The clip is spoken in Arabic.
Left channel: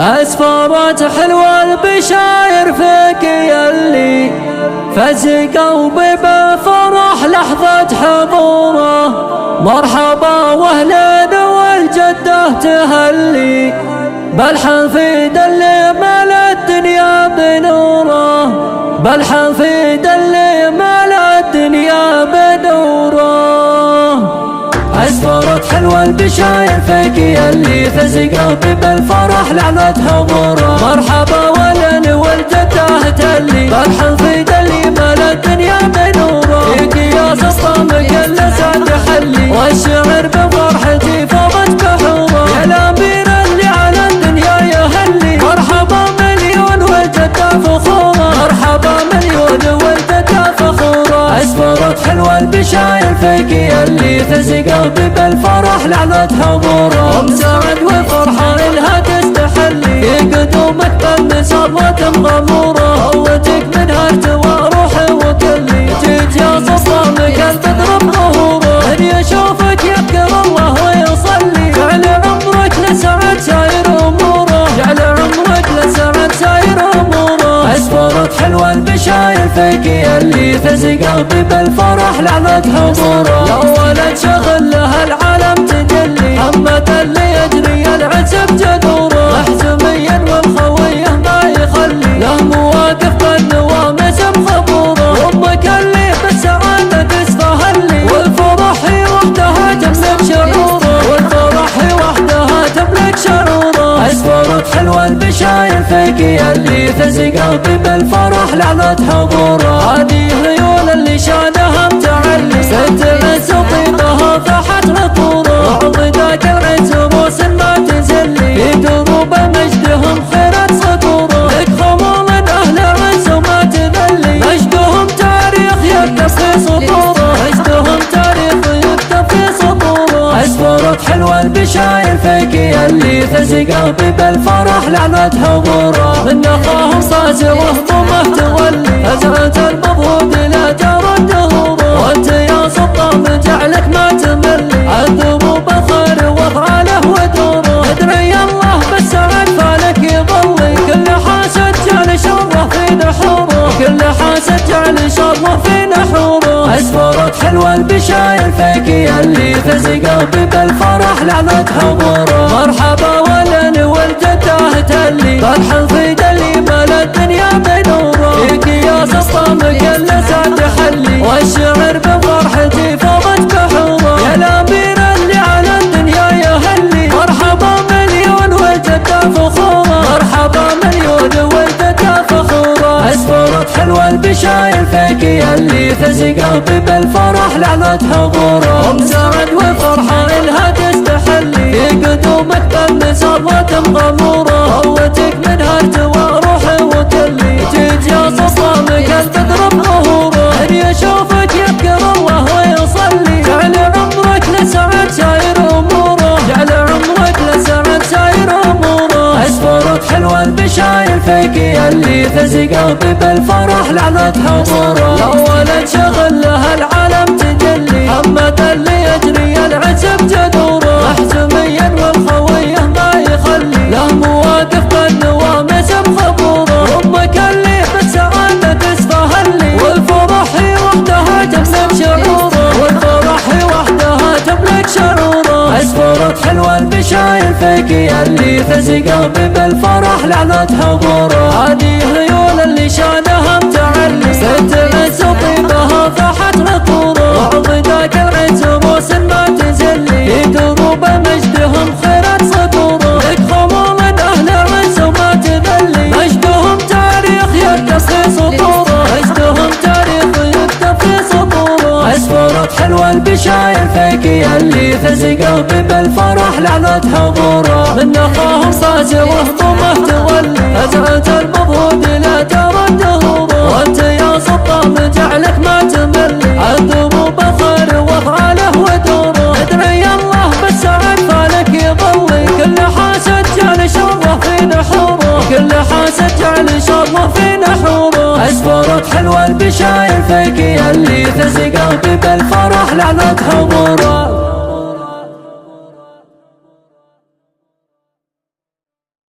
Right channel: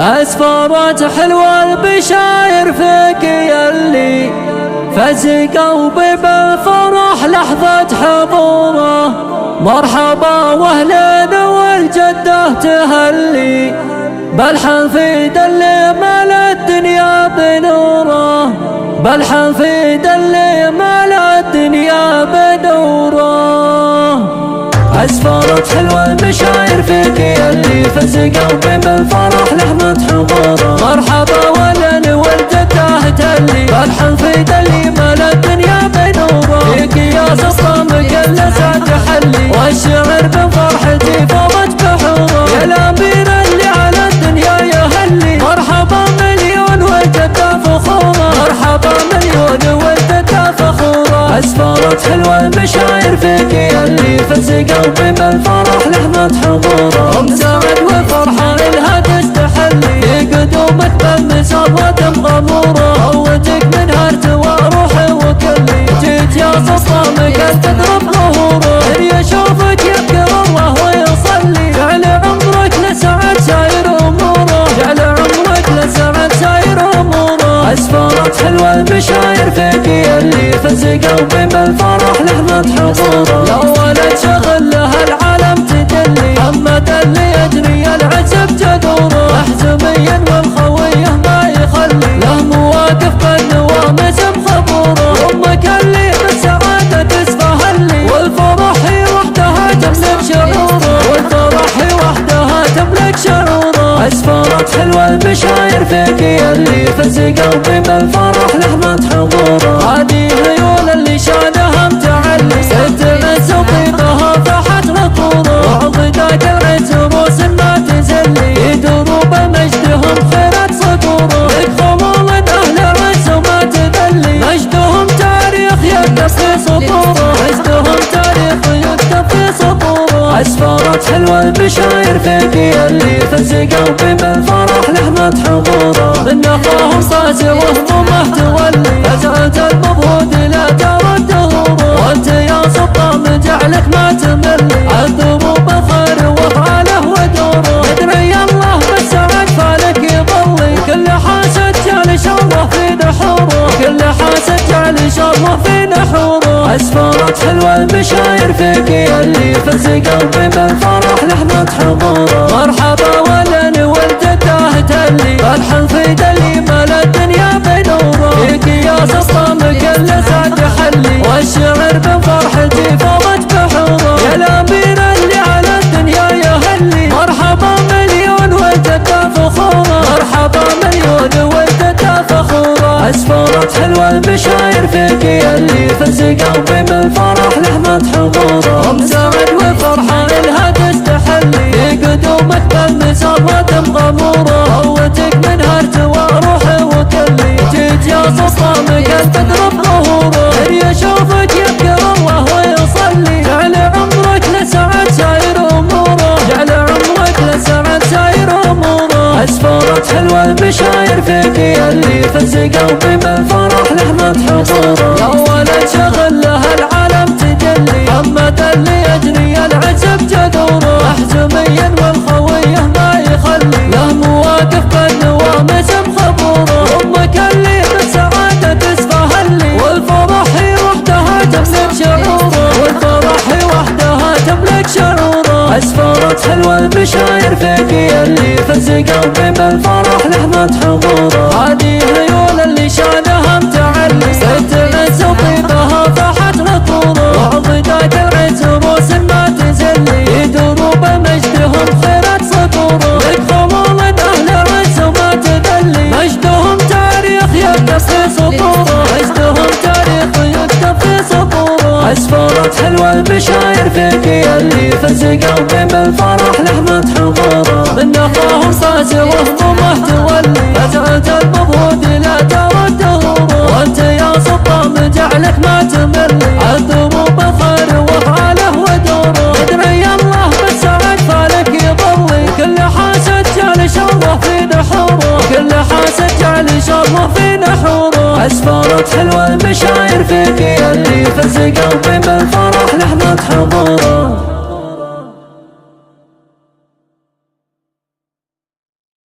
أسفارات حلوة البشاير فيك يلي فز قلبي بالفرح لحظة حضوره. مرحبا واهلين والجدة تهلي بالحفيد اللي ملا الدنيا بنوره. بالحفيد اللي ملا الدنيا بنوره. أسفارات حلوة البشاير فيك يلي فز قلبي بالفرح لحظة حضوره. مرحبا والهلين والجدة تهلي بالحفيد اللي ملا الدنيا بنوره. فيك يا سلطان كل سعد حلي والشعر بفرحتي فاضت بحوره. يا الأمير اللي على الدنيا يهلي مرحبا مليون والجدة فخورة. مرحبا مليون والجدة فخورة. أسفارات حلوة البشاير فيك يلي فز قلبي بالفرح لحظة حضوره. أم سعد وفرحان لها تستحلي في قدومك بالمسابات مغمورة. هوتك من هرت وروحي وكلي جيت يا سلطان كل تضرب ظهوره. من يشوفك يذكر الله ويصلي جعل عمرك لسعد ساير أموره. جعل عمرك لسعد ساير أموره. أسفارات حلوة البشاير فيك يلي فز قلبي بالفرح لحظة حضوره. يا ولد شغل لها العالم تجلي محمد اللي يجري العزب جذوره. محزوميا والخويه ما يخلي له مواقف بالنوامس مخبوره. امك اللي بالسعاده تستهلي والفرح هي وحدها تملك شعوره. والفرح هي وحدها تملك شعوره. أسفارات حلوة البشاير فيك يلي فز قلبي بالفرح لحظة حضوره. هذه خيول اللي شانها متعلي ست عز وطيبها فاحت نطوره. وعضداك العز روس ما تزلي في دروب مجدهم خيرت صقوره. لك خمول أهل عز وما تذلي مجدهم تاريخ يكتب في سطوره. مجدهم تاريخ يكتب في سطوره. أسفارات حلوة البشاير فيك يلي فز قلبي بالفرح لحظة حضوره. من نخاهم صاجر وهمومه تولي فزعة المضهود لا جرت دهوره. وانت يا سلطان جعلك ما تملي عالدروب الخير وافعاله ودوره. ادري الله بالسعد فالك يظلي كل حاسد جعل شره في نحوره. كل حاسد جعل شره في نحوره. أسفارات حلوة البشاير فيك يلي فز قلبي بالفرح لحظة حضوره. مرحبا والهلين والجدة تهلي بالحفيد اللي ملا الدنيا بنوره. فيك يا سلطان كل سعد حلي والشعر بفرحتي فاضت بحوره. يا الأمير اللي على الدنيا يهلي مرحبا مليون والجدة فخورة. مرحبا مليون والجدة فخورة. أسفارات حلوة البشاير فيك يلي فز قلبي بالفرح لحظة حضوره. أم سعد وفرحان لها تستحلي في قدومك بالمسابات مغموره. هوتك من هرت وروحي وكلي جيت يا سلطان كل تضرب ظهوره. من يشوفك يذكر الله ويصلي جعل عمرك لسعد ساير أموره. جعل عمرك لسعد ساير أموره. أسفارات حلوة البشاير فيك يلي فز قلبي بالفرح لحظة حضوره. يا ولد شغل لها العالم تجلي محمد اللي يجري العزب جذوره. محزوميا والخويه ما يخلي له مواقف بالنوامس مخبوره. امك اللي بالسعاده تستهلي والفرح هي وحدها تملك شعوره. والفرح هي وحدها تملك شعوره. أسفارات حلوة البشاير فيك يلي فز قلبي بالفرح لحظة حضوره. هذه خيول اللي شانها متعلي ست عز وطيبها فاحت نطوره. وعضداك العز روس ما تزلي في دروب مجدهم خيرت صقوره. لك خمول أهل عز وما تذلي مجدهم تاريخ يكتب في سطوره. مجدهم تاريخ يكتب في سطوره. أسفارات حلوة البشاير فيك يلي فز قلبي بالفرح لحظة حضوره. من نخاهم صاجر وهمومه تولي فزعة المضهود لا جرت دهوره. وانت يا سلطان جعلك ما تملي عالدروب الخير وافعاله ودوره. ادري الله بالسعد فالك يظلي كل حاسد جعل شره في نحوره. كل حاسد جعل شره في نحوره. أسفارات حلوة البشاير فيك يلي فز قلبي بالفرح لحظة حضوره.